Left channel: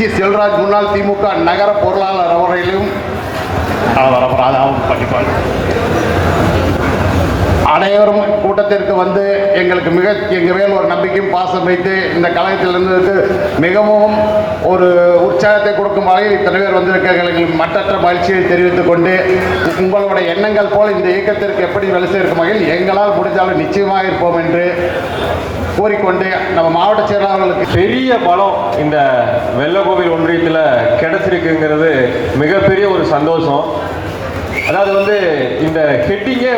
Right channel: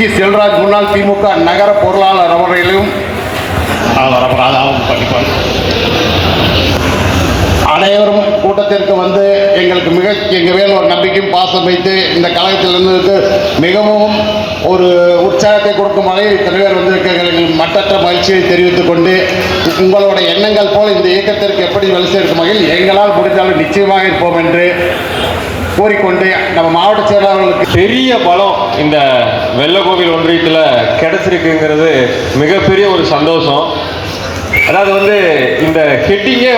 C Selvaraj முன்னாள் திமுக நகர பொருளாளர் அவர்களையும் படிப்பார். அனைவரும் கூட்டத்திற்கு வந்து எங்களுக்கு எங்கள் மேல் ஒரு நம்பிக்கையும் பாசம் வைத்து இந்த கழகத்தில் இருந்ததுக்கு மிகவும் ஒரு உற்சாகத்தை கொடுக்கும் வகையில் இத்தனை பேர் வந்திருக்க எங்களுக்கு மற்றற்ற மகிழ்ச்சியை தெரிவித்துக் கொண்டு உங்களோட எண்ணங்கள் போல் இந்த இயக்கத்திற்கு எப்படி வேலை செய்யும் வகையில் எங்களால் முடிந்தாலும் நிச்சயமாக இருப்போம் என்று கூறிக்கொண்டு நம்ம மாவட்ட செயலாளர்களுக்கு பெரிய பலம் இந்த வெள்ளக்கோவில் ஒன்றியத்தில் கிடைச்சிருக்குங்கிறது மிகப்பெரிய ஒரு சந்தோஷம். அதாவது இந்த ஹெட்டிங்கே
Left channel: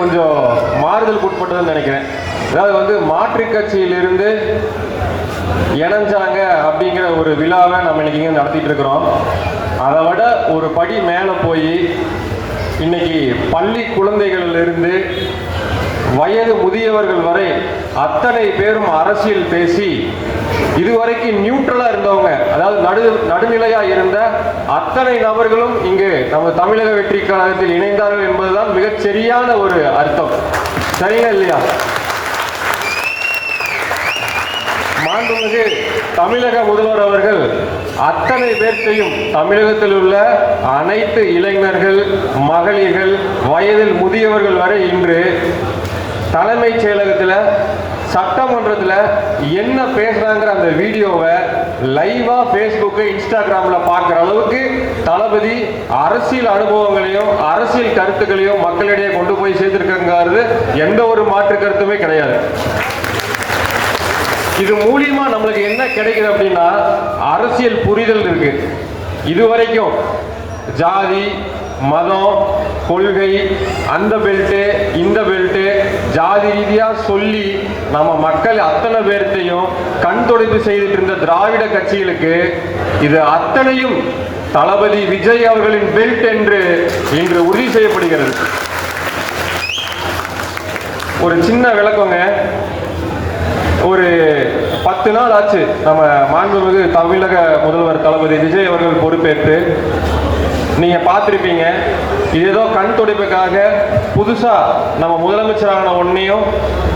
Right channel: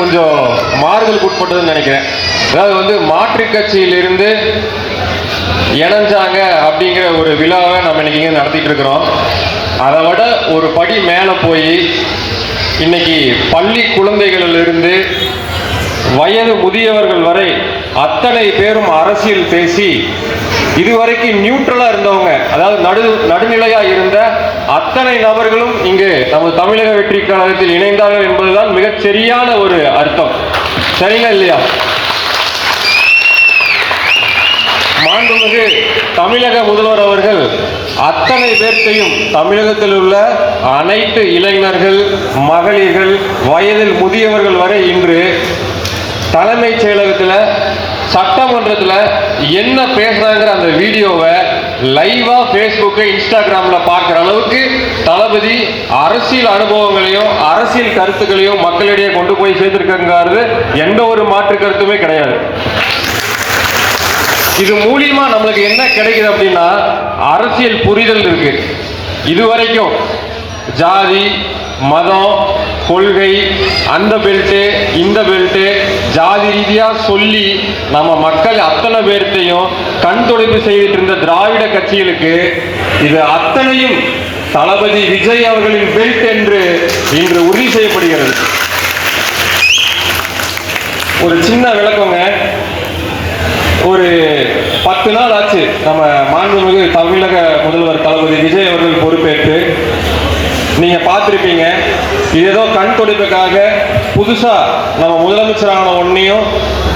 கொஞ்சம் மாறுதலுக்கு உட்பட்டதுன்னு நினைக்கிறேன். அதாவது மாற்றுக் கட்சியிலிருந்து இணைஞ்சாங்க அப்படிங்கிற ஒரு விழாவை நம்ம இன்னைக்கு இங்கே நடத்திட்டு இருக்கிறோம். அதை விட ஒரு படி மேலே போய் இன்னைக்கு பள்ளி குழந்தைகளிலிருந்து வயது முதியவர்கள் வரை அத்தனை பேரும் அரசியல் பேசி இதுவரைக்கும் நியூட்ரலா இருந்தவங்க, அதாவது நடுநிலையா இருந்த அத்தனை நபர்களும் இங்கு நமது தமிழக வெற்றி கழகத்தில் இணைந்தார்கள் என்பதுதான் மிகச் சரியான ஒரு அர்த்தம். சரிங்களா இல்லையா? மாண்புமிகு தமிழக முதல்வர் அவர்கள் அத்தனை பேர்த்தையும் தமிழகத்தில் உள்ள அனைத்து இளைஞர்கள், மகளிர்கள், வயதில் முதியவர்கள் வரை இன்று தலைமைச் செயலகத்தில் சட்டமன்றத்தில் என்ன பேசுறாங்கிற அந்த வீடியோவை லைவா ஃபேஸ்புக்கு இன்ஸ்டாகிராமில் பார்க்குற அளவுக்கு தளபதி அரசியல் அனுபவங்களையும் அரசியல் கருத்துக்களையும் மக்களிடையே கொண்டு போய் சேர்த்திருக்கிறது எந்த ஒரு மாற்று கருத்துமே கிடையாது. இது மூலியமா நம்மளுக்கு என்ன கிடைக்குது அப்படின்னா அரசியல் புரிதல் இருக்கு. இதுவரைக்கும் ஜாதி, மதம், கொள்கை, அந்த பெல்ட்டு இந்த பெல்ட்டு ஜாதி ரீதியாக சொல்லி நம்ம மக்கள் அத்தனை பேர்த்தையும் கண் துடைப்பு செய்துட்டு இருந்த திராவிட கட்சிகளுக்கு இது அத்தனையும் தளபதி விஜய் அவர்களின் பெல்ட் என்று இன்று உறுதி செய்யப்படுகிறது. ஒரு சின்ன விளக்கங்க. ஒரு 10 நாள் ஆச்சு நம்ம மாண்புமிகு தமிழக முதல்வர் தளபதி விஜய் அவர்கள் பொறுப்பேற்று. நீங்க பார்த்துருப்பீங்க, இது ஏதோ கண் துடைப்புக்காக புதுசா நம்ம முதலமைச்சரான ஒன்னையும்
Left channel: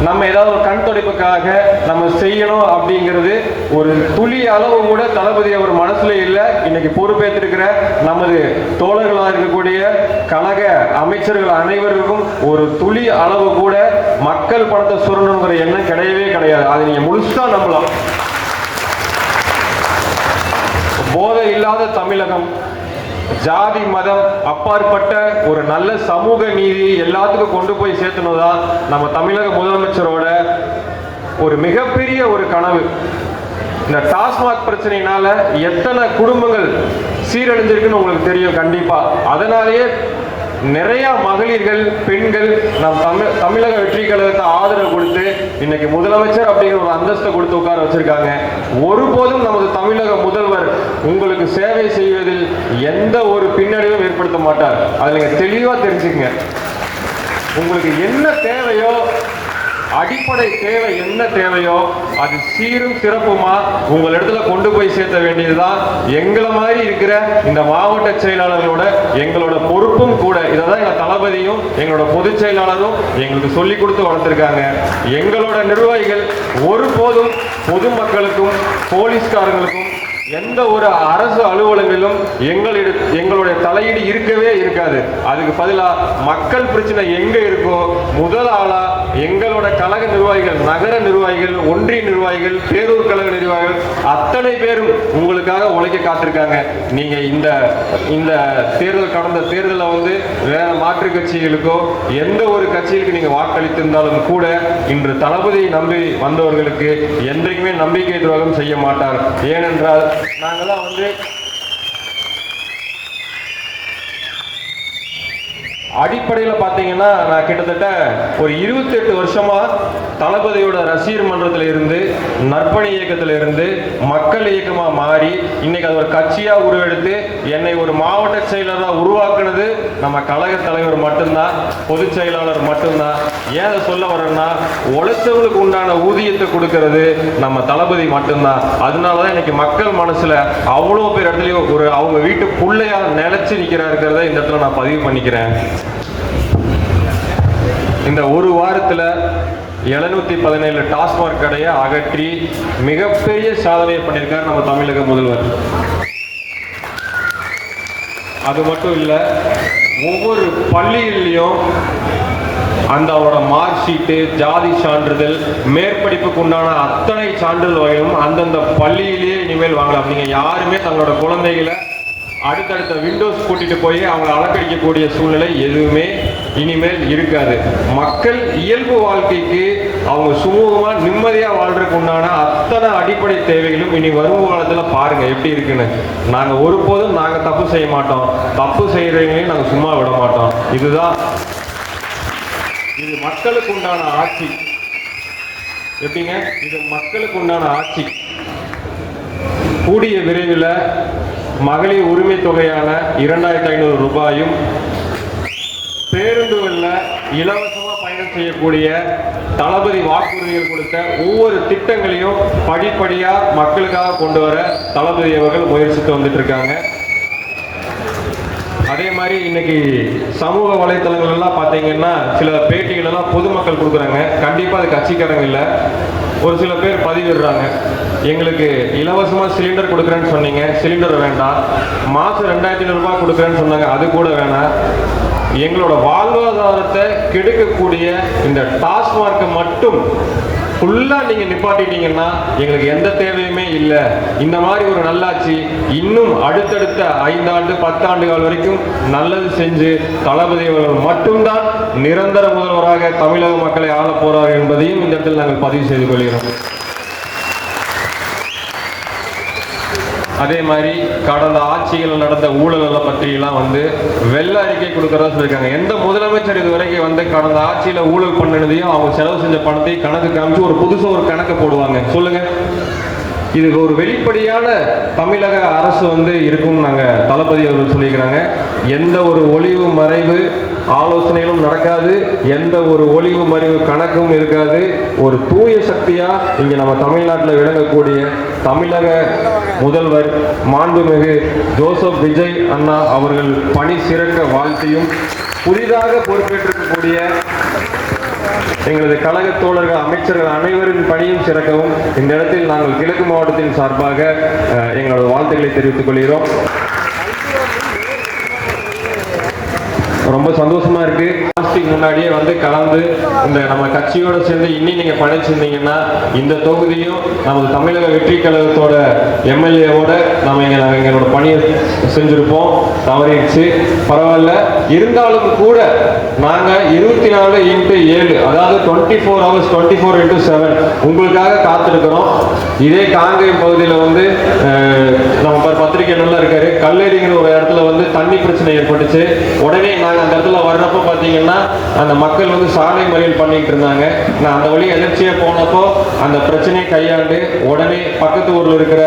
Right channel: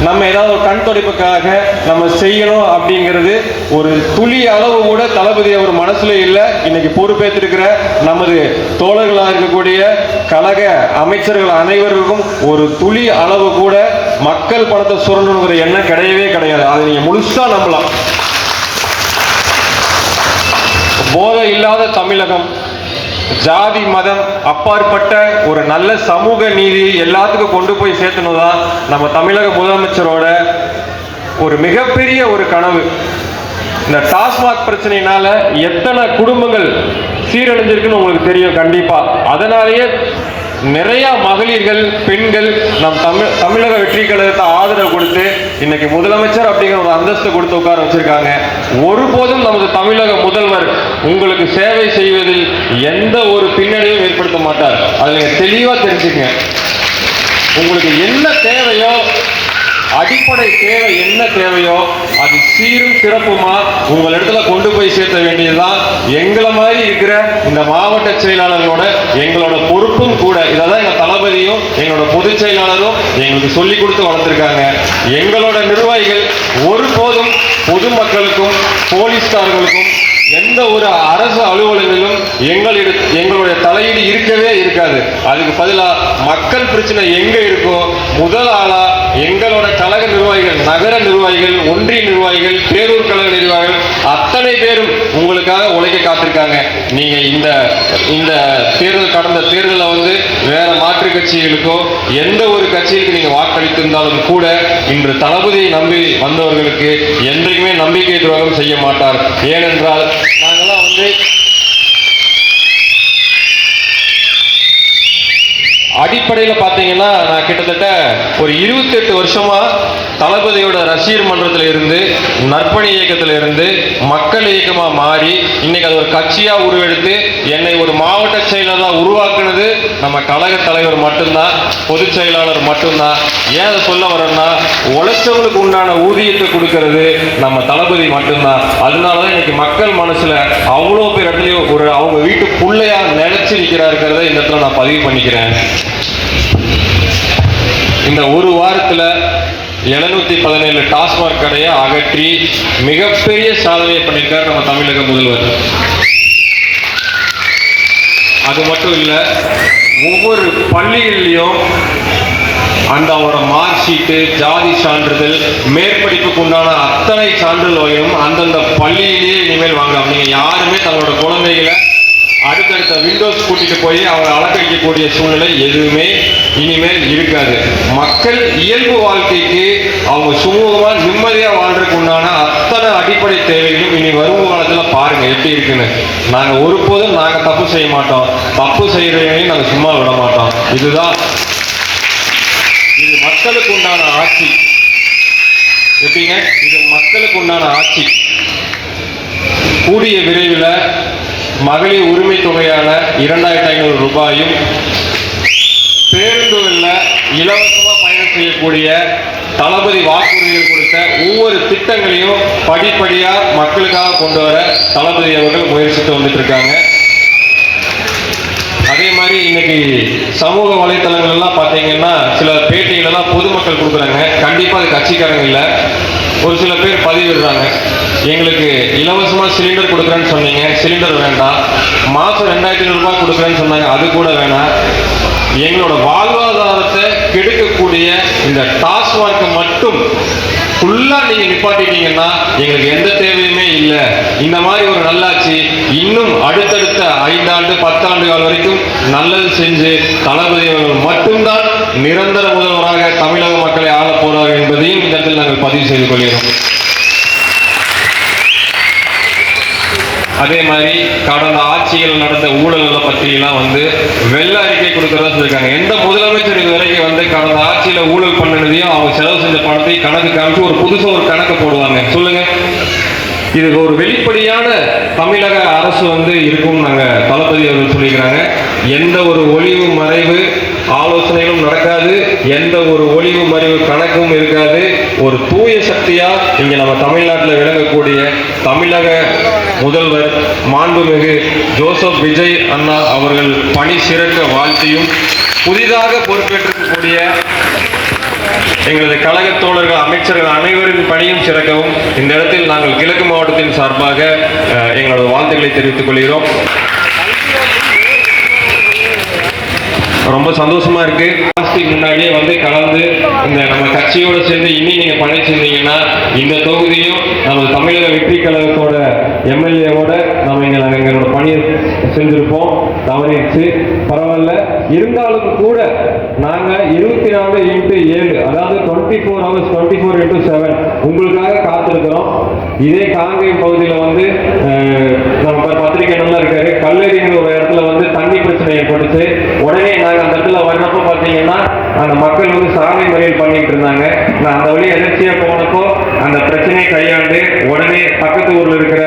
நம்ம ஏதாவது ஒரு கண் துடைப்புக்காக நம்ம செய்யணும் அப்படிங்கிறது ஒரு துளி அளவு கூட தளபதி அவர் மனசுல இல்லை. இன்னைக்கு பொறுப்பேற்றிருக்கிற நமது தோழர்களாக இருக்கக்கூடிய கழக அமைச்சர்கள் அனைவருக்கும் ஒரு துளி அளவு கூட மக்கள் பணத்தை சுரண்டணுங்கிற எண்ணம் கிடையவே கிடையாது. அதை நீங்க முழுசா நம்பலாம். போதை இல்லாத தமிழகம், ஜாதி மதம் அப்பாற்பட்ட ஒரு நல்ல சமூக நீதி எல்லாத்துக்கும் கொண்டு போய் சேர்த்தணும்தான் நம்ம தமிழக முதலமைச்சரோட ஒரு மிகப்பெரிய ஒரு கனவு. இந்த டாஸ்மாக் பிரச்சனையினால எத்தனை குடும்பங்கள் சீரழிஞ்சிருக்குன்னு உங்களுக்கு தெரியும் கண்டிப்பா. அதனாலேயே நிறைய மகளிர்கள், பெண்கள் நம் தமிழக வெற்றி கழகத்தை ஆதரவு கொடுத்து இன்னைக்கு முதலமைச்சர் அப்படிங்கிற ஒரு அந்தஸ்தை கொடுத்து உட்கார வச்சிருக்காங்க. ஒருபோதும் நமது தமிழக முதல்வர் உங்களுக்கு சேவை செய்வதில் எந்த ஒரு பின்னடைவும் ஏற்படுத்த மாட்டார். அதை நீங்க தெளிவா தெரிஞ்சுங்க. உங்களுக்கு என்ன தேவையோ, அடிப்படை தேவை என்ன தேவையோ அது சீரும் சிறப்புமா உங்கள் இடத்துல கொண்டு போய் சேர்த்த வேண்டியதுதான் எங்களை மாதிரி இருக்கிற இந்த மாவட்ட செயலாளர்களோட எங்களோட பொறுப்பும் கூட. இதான் எங்க தளபதியும் எங்களோட பொதுச் செயலாளரும் எங்களுக்கு சொல்லி கொடுத்து வளர்த்திருக்காங்க. எங்களோட நிர்வாகிகள் ஒருபோதும் பொதுமக்களுக்கும் போலீஸ்காரர்களுக்கும் எந்த ஒரு அரசு அலுவலகங்களிலும் எங்களுடைய தலையீடு இருக்கவே இருக்காது. அதுக்கு பதிலாக மக்கள் பிரச்சனை எங்க இருக்கோ முதல் ஆளா எங்களோட கழக நிர்வாகிகள், நகர நிர்வாகிகள், ஒன்றிய நிர்வாகிகள், பேரூர் கழக நிர்வாகிகள் அத்தனை பேரும் உங்களுக்காக உழைக்க காத்திருக்காங்க. நீங்க இந்த தேர்தல், கடந்த தேர்தலில் வேற மாற்று கட்சிகளுக்கோ எந்த ஒரு கட்சிகளுக்கு நீங்க வாக்களித்திருந்தாலும் கூட இன்று தளபதியை நம்பி வந்தவர்களுக்கு என்றைக்குமே நம்பிக்கை துரோகம் செய்ய மாட்டார். ஏனென்றால் நாங்கெல்லாம் அடிப்படையில் பார்த்தீங்கன்னா நான் கிட்டத்தட்ட ஒரு 28 வருஷமா தளபதியோட ரசிகர் மன்றத்தில் இருந்து, நற்பணி இயக்கத்தில் இருந்து மக்கள் இயக்கமா மாறி இன்னைக்கு அது ஒரு கட்சியா உருவெடுத்து என்னை ஒரு மாவட்ட செயலாளராக உருவாக்குனது நம்ம கழக தலைவர் மட்டும்தான், பொதுச் செயலாளர் மட்டும்தான். ஏன் அதை சொல்ல வரேன்னா, உழைச்சவங்களுக்கு உண்டான ஊதியத்தை கொடுக்கறது நம்ம தளபதி மட்டும்தான். அதனாலதான் இன்னைக்கு மக்கள் மனசுல அவ்வளோ பேர் இடத்துலையும் ஒரு அவங்க வீட்டு பிள்ளையா நினைச்சு நிற்கிறாருக்கிறத இந்த இடத்துல நான் பதிவு பண்ணிக்கிறேன். இந்த ஒரு வாரத்தில் 717 டாஸ்மாக் கடையை அகற்றி மிகப்பெரிய சாதனையை பண்ணியிருக்கார் நம்ம தமிழக முதல்வர். அது மட்டும் இல்லை, ஒவ்வொரு பள்ளிகள்லையும் அந்த அவரோட மார்க் ஷீட்டு, ஜாதி சான்றிதழ், மேற்படிப்புக்கு உண்டான அத்தனை சான்றிதழ்களும் அந்தந்த பள்ளியிலேயே இனிமேல் வாங்கலாம். நீங்கள் யாருமே தங்களோட குழந்தைகளை அடுத்தடுத்த விண்டோஸ் கூட்டிட்டு போய் அவங்க அலங்கரிக்கக்கூடிய சூழ்நிலை எதுவுமே இனிமேல் இருக்காது. மக்கள் இயல்பு வாழ்க்கைக்கு அவங்க சுமூகமாக நிம்மதியாக வாழ்றதுக்கு உண்டான அத்தனை அடிப்படை தேவைகளும் இனி வரும் காலத்தில் பாருங்க எப்படி இருக்குன்னு. நாங்கள் ஒருபோதும் நாங்கள் தப்பு செய்ய மாட்டோம், தப்பு செய்யறவங்களையும் நாங்கள் சும்மா விட மாட்டோம். இதுதான் இது மக்களுக்கு உண்டான ஆட்சி. எப்படிங்க? இது மக்களுக்கு உண்டான ஆட்சி. கூடிய விரைவில் மகளிர் உரிமை தொகையான 2500 ரூபாயும், பேருந்துகளில் இலவசமாக பயணம் செய்யக்கூடிய தளபதி வாக்குறுதிகள் கொடுத்த ஒவ்வொரு திட்டங்களையும் படிப்படியாக மக்களுக்காக கொண்டு வர தளபதி அவர்கள் முயற்சித்து வந்துட்டு இருக்காங்க. அதே மாதிரி இன்னைக்கு சமூக வலைத்தளங்கள் எல்லாம் பார்த்தீங்கன்னா சில பேட்டிகள் எல்லாம் பொதுமக்கள் கொடுக்குறாங்க. கண்டிப்பாக அது கட்சிக்காரங்க இல்லை. ஒரு சில பேர் பதிவிடுறாங்க, எங்களுக்கு இலவசமாக சிலிண்டர் கொடுக்குறேன்னு சொன்னீங்க, சிலிண்டர் வேண்டாம். மாதம் 2500 ரூபாய் கொடுக்குறேன்னு சொன்னாங்க, அது கூட வேணாம். எங்களோட வாழ்வாதாரத்தை கெடுக்கக்கூடிய இந்த டாஸ்மார்க்கை மட்டும் ஃபுல்லாக நீங்கள் நிப்பாட்டிட்டீங்கன்னா எங்களுக்கு எந்த தேவையுமே இல்லை. இந்த மாதிரி ஒரு நல்லாட்சி இன்னும் அடுத்தடுத்த 5 ஆண்டு 10 ஆண்டுகள் வரைக்கும் நல்லது செஞ்சு தளபதி அவர்கள் மட்டும்தான் நிரந்தர முதல்வராக தமிழக மக்களை ஆள போறார் என்பதையும் இந்த இடத்தில் நாங்கள் பதிவு செய்து கொள்கிறோம். அதே மாதிரி கடந்த ஆட்சிகள் நடந்த ஊழல்களை பற்றியெல்லாம் வெள்ள அறிக்கை கொடுக்கறதா சொல்லியிருக்காங்க. எந்த முதலமைச்சர் இது வரைக்கும் கடந்த ஆட்சியில் ஊழல் பண்ணினதையும் அவங்க செலவு செஞ்ச பணத்தை கணக்கு காமிச்சு ஒரு புதுசாக ஒரு கணக்கு போடுவாங்க. சொல்லுங்க, இதுக்கு ஒரு வெளிப்படையான தமிழக அரசு இருக்கும்னு நாங்கள் தளபதி அவர்கள் சொல்லியிருக்கிறாங்க. எந்த ஒரு ஒளிவு மறைவு ஆலோசனைகளும் நடக்காது, எந்த ஒரு ஒளிவு மறைவு கணக்கும் இருக்காது. ஒரு தூய சக்தியா இங்க நம்ம தமிழ்நாட்டில் விளங்கக்கூடிய தமிழக முதல்வர் மாண்புமிகு ஜோசப் விஜய் அண்ணா அவர்கள் பணி சிறக்க வாழ்த்தியும், புதிதாக பொறுப்பேற்றிருக்கக்கூடிய எங்களது கழக தோழர்கள் அமைச்சர்கள் அனைவரின் பணியும் சிறக்கவும் இந்த இடத்தில் நாங்கள் கிழக்கு மாவட்டத்தின் சார்பாக எங்களது வாழ்த்துக்களை தெரிவித்துக் கொள்கிறோம். ரொம்ப சந்தோஷமா இருக்கு. முன்னாடியே கலந்து இந்த நம்ம கட்சியோட சேர்ந்து இனி நீங்க பணி செஞ்சீங்கன்னா இந்த தொகுதியும் நம்ம தமிழக வெற்றி கழகத்தோட எம்எல்ஏவோட நம்ம எங்களோட பணியை செஞ்சிருப்போம். தவறிடுச்சு, பரவாயில்ல. இருந்தாலும் கூட நாங்க 24x7 அதாவது 24 hours 24x7 உங்களுக்காக காத்திருக்கிறோம். இதே காங்கேயம் பகுதியில் நம்ம பத்திரிகை நல்லா இருக்காரு, கல்லறிங்கிற ஒரு இடத்துல தண்ணி பிரச்சனை ஏற்பட்டுச்சு. உடனே நாங்கள் அந்த இடத்துல வர்றப்போ பார்த்தீங்கன்னா அந்த மக்கள் சாலை மறியல் பண்ணிட்டு இருந்தாங்க. நான் அந்த வழி எதிர்ச்சியாக போனப்போ அந்த பிரச்சனையை கையாண்டு உடனே பக்கத்து ஊரில் இருக்கிற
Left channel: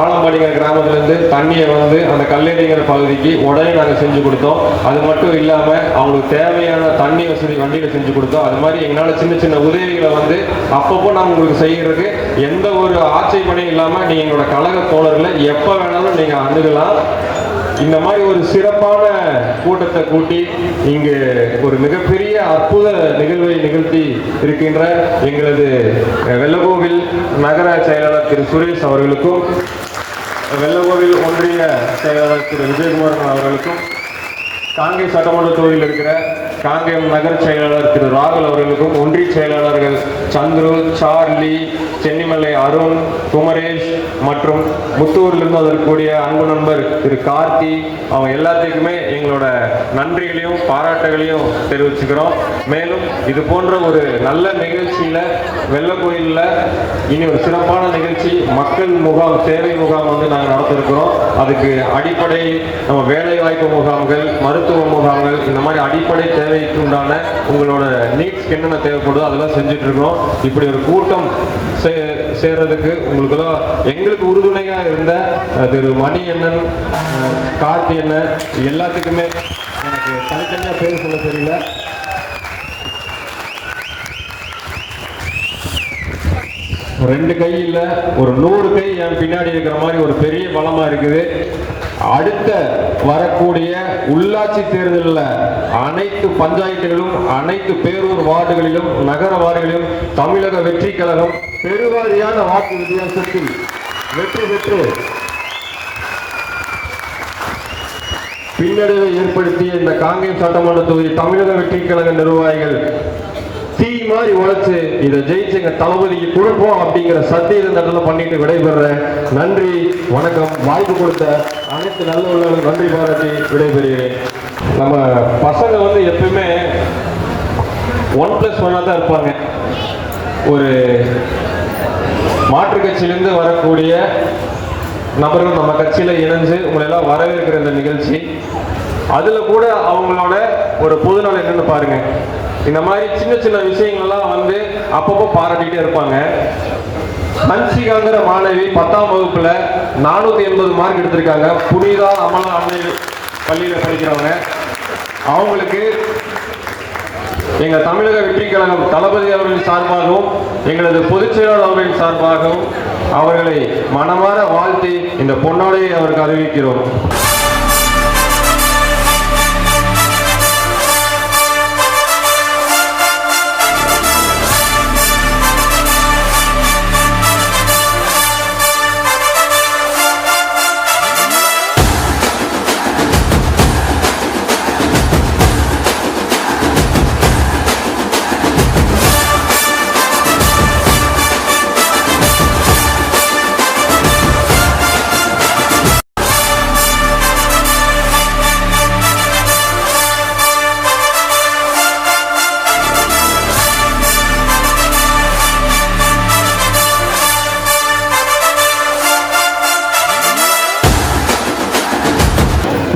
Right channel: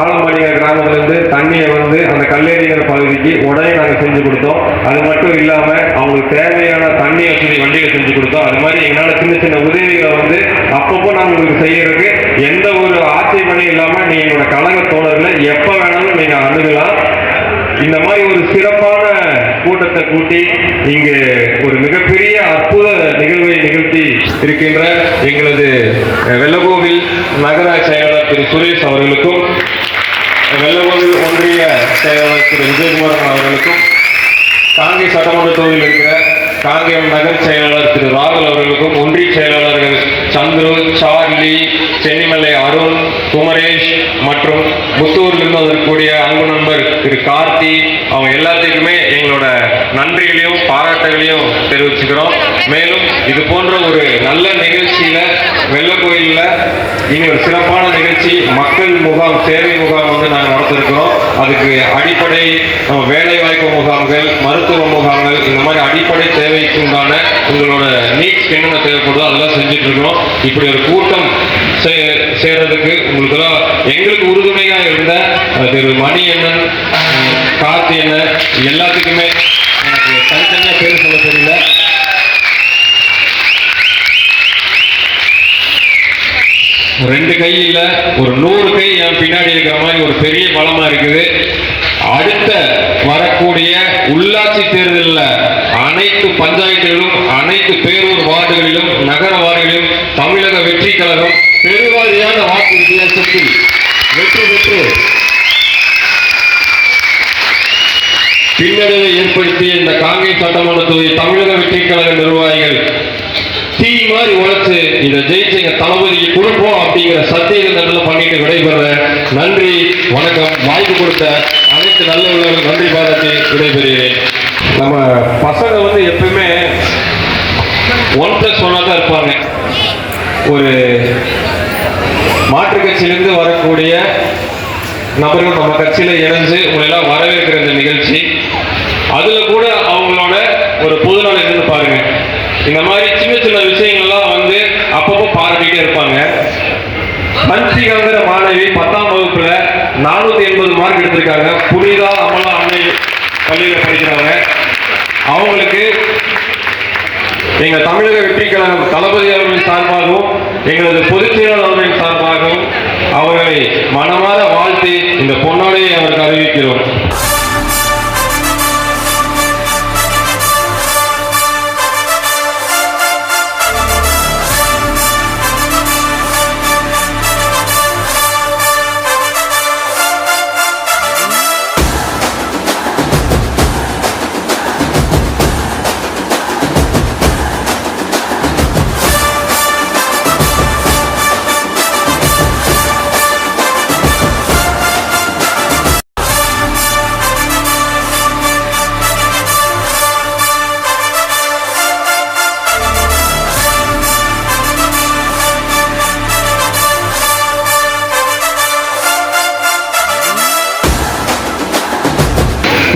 ஆலம்பாடிங்கிற கிராமத்திலிருந்து தண்ணியை அந்த கல்லேரிங்கிற பகுதிக்கு உடனே நாங்கள் செஞ்சு கொடுத்தோம். அது மட்டும் இல்லாமல் அவங்களுக்கு தேவையான தண்ணி வசதி வண்டியில் செஞ்சு கொடுத்தோம். அது மாதிரி எங்களால் சின்ன சின்ன உதவிகளை அப்பப்போ நாங்கள் உங்களுக்கு செய்யறதுக்கு எந்த ஒரு ஆட்சேபனையும் இல்லாமல் நீங்கள் எங்களோட கழக தோழர்களை எப்போ வேணாலும் நீங்கள் அணுகலாம். இந்த மாதிரி ஒரு சிறப்பான கூட்டத்தை கூட்டி இங்கு ஒரு மிகப்பெரிய அற்புத நிகழ்வை நிகழ்த்தி இருக்கின்ற எங்களது வெள்ளகோவில் நகர செயலாளர் திரு சுரேஷ் அவர்களுக்கும், வெள்ளகோவில் ஒன்றிய செயலாளர் திரு விஜயகுமார் அவர்களுக்கும், காங்கேயம் சட்டமன்ற தொகுதியில் இருக்கிற காங்கேயம் நகர செயலாளர் திரு ராகுல் அவர்களுக்கும், ஒன்றிய செயலாளர்கள் சந்துரு, சார்லி, சென்னிமலை அருண், குமரேஷ் மற்றும் முத்தூரிலிருந்து அதற்குரிய அன்பு நண்பர் திரு கார்த்தி, அவங்க எல்லாத்துக்குமே எங்களோட நன்றிகளையும் பாராட்டுகளையும் தெரிவிச்சுக்கிறோம். மேலும் இது போன்ற ஒரு நல்ல நிகழ்ச்சியில வெள்ளக்கோயிலில் இனி ஒரு சிறப்பான நிகழ்ச்சி மக்கள் முகாம், சேவை முகாம் நாங்கள் நடத்திருக்கிறோம். அதுக்கு அடிப்படை நம்ம வேலைவாய்ப்பு முகாம்கள், மருத்துவ முகாம்கள், இந்த மாதிரி அடிப்படை தேவைக்கு உண்டான உங்களோட நீட்ஸ் என்னென்ன தேவைப்படுதோ அதெல்லாம் செஞ்சுட்டு இருக்கிறோம். இப்படி ஒரு கூட்டம் சேர்றதுக்கு உங்களுக்கெல்லாம் எங்களுக்கு உறுதுணையாக இருந்த திரு மணி அண்ணன், கார்த்தி அண்ணன் எல்லாத்துக்குமே எனக்கு தனித்தனியாக பேர் சொல்ல தெரியல. ரெண்டு கை இல்லை, ஒரு 100 கை என் பின்னாடி இருக்கிற மாதிரி ஒரு பெரிய பலமா இருக்குது. அடுத்த வரக்கூடிய உள்ளாட்சி தேர்தலில் அனைத்து பஞ்சாயத்துகளிலும், அனைத்து பேரூர் வார்டுகளிலும், நகர வார்டுகளிலும் தமிழக வெற்றி கழகம் பெருவாரியான வாக்கு வித்தியாசத்தில் வெற்றி பெற்று பின்னடைவை ஏற்படுத்திய இந்த காங்கேய சட்டமன்ற தொகுதி தமிழக வெற்றி கழக நிர்வாகிகள் தீ மாதிரி உழைச்சு இதை ஜெயிச்சு எங்க தளபதிக்கு கொடுப்போம் அப்படிங்கிற சத்தியத்தை பண்ணிட்டு விடைபெற நன்றி, வணக்கம். வாய்ப்பு கொடுத்த அனைத்து நல்ல உள்ளவர்கள் நன்றி பாராட்டி விடைபெறுகிறேன். நம்ம பசங்க வந்து எப்பவுமே 1+1 தான் இருப்பாங்க. ஒரு மாற்றுக் கட்சியிலிருந்து வரக்கூடிய நபர்கள் நம்ம கட்சியில இணைஞ்சு உங்களை எல்லாம் வரவேற்கிற இந்த நிகழ்ச்சி, அதுல கூட அவங்களோட ஒரு பொதுநலம் என்னன்னு பாருங்க. இந்த மாதிரி சின்ன சின்ன விஷயங்கள்லாம் வந்து அப்பப்போ பாராட்டிட்டே இருப்பாங்க. ஹன்சிகாங்கிற மாணவி 10ஆம் வகுப்புல 480 மார்க் எடுத்திருக்காங்க. புனிதா அமலா அன்னை பள்ளியில் படிக்கிறவங்க. அவங்களுக்கு எங்க தமிழக வெற்றி கழகம் தளபதி அவர்களின் சார்பாகவும் எங்களது பொதுச் செயலாளர் அவர்களின் சார்பாகவும் அவர்களை மனமாற வாழ்த்தி இந்த பொன்னாடையை அவருக்கு அறிவிக்கிறோம்.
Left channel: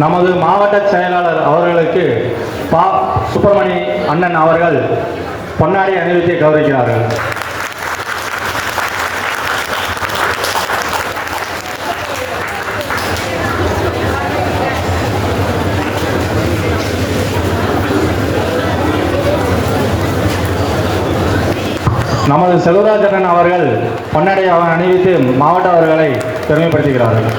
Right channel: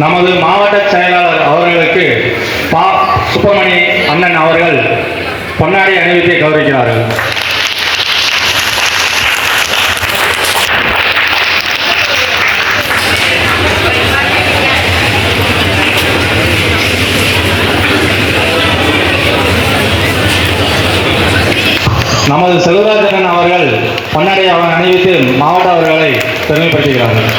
நமது மாவட்ட செயலாளர் அவர்களுக்கு பா சுப்பிரமணி அண்ணன் அவர்கள் பொன்னாடை அணிவித்து கௌரவிக்கிறார்கள். நமது செல்வராஜன் அவர்கள் பொன்னாடை அணிவித்து மாவட்ட அவர்களை பெருமைப்படுத்துகிறார்கள்.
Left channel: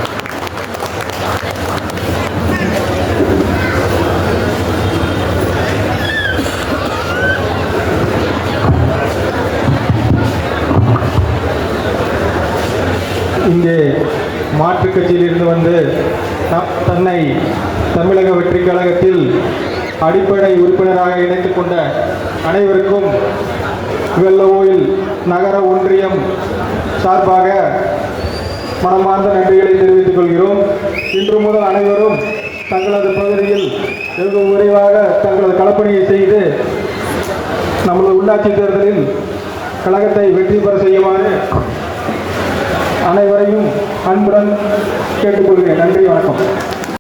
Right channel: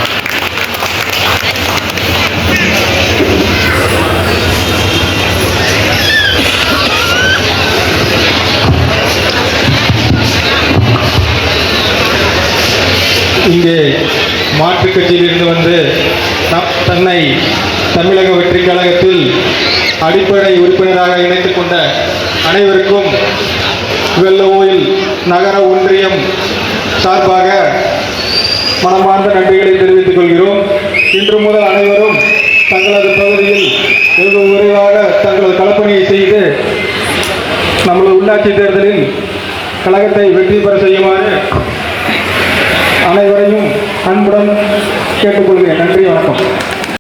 இங்கே மாற்றுக் கட்சியிலிருந்து வந்து தன்னை தமிழக வெற்றி கழகத்தில் அடிப்படை உறுப்பினராக இணைத்துக் கொண்ட அனைவருக்கும் வெள்ளவோயில் நகர ஒன்றியம் சார்பாக மனமார்ந்த நன்றிகளை தெரிவித்துக் கொள்கிறோம். இன்று முதல் அனைவரும் தங்களது பகுதியில் வெகு விரைவாக தங்களது களப்பணியை செய்து நம்மளது உள்ளாட்சி தேர்தலில் கழகத்தை வெற்றி பெற செய்யுமாறு அனைவரையும் அன்புடன் கேட்டுக்கொள்கிறேன். நன்றி, வணக்கம்.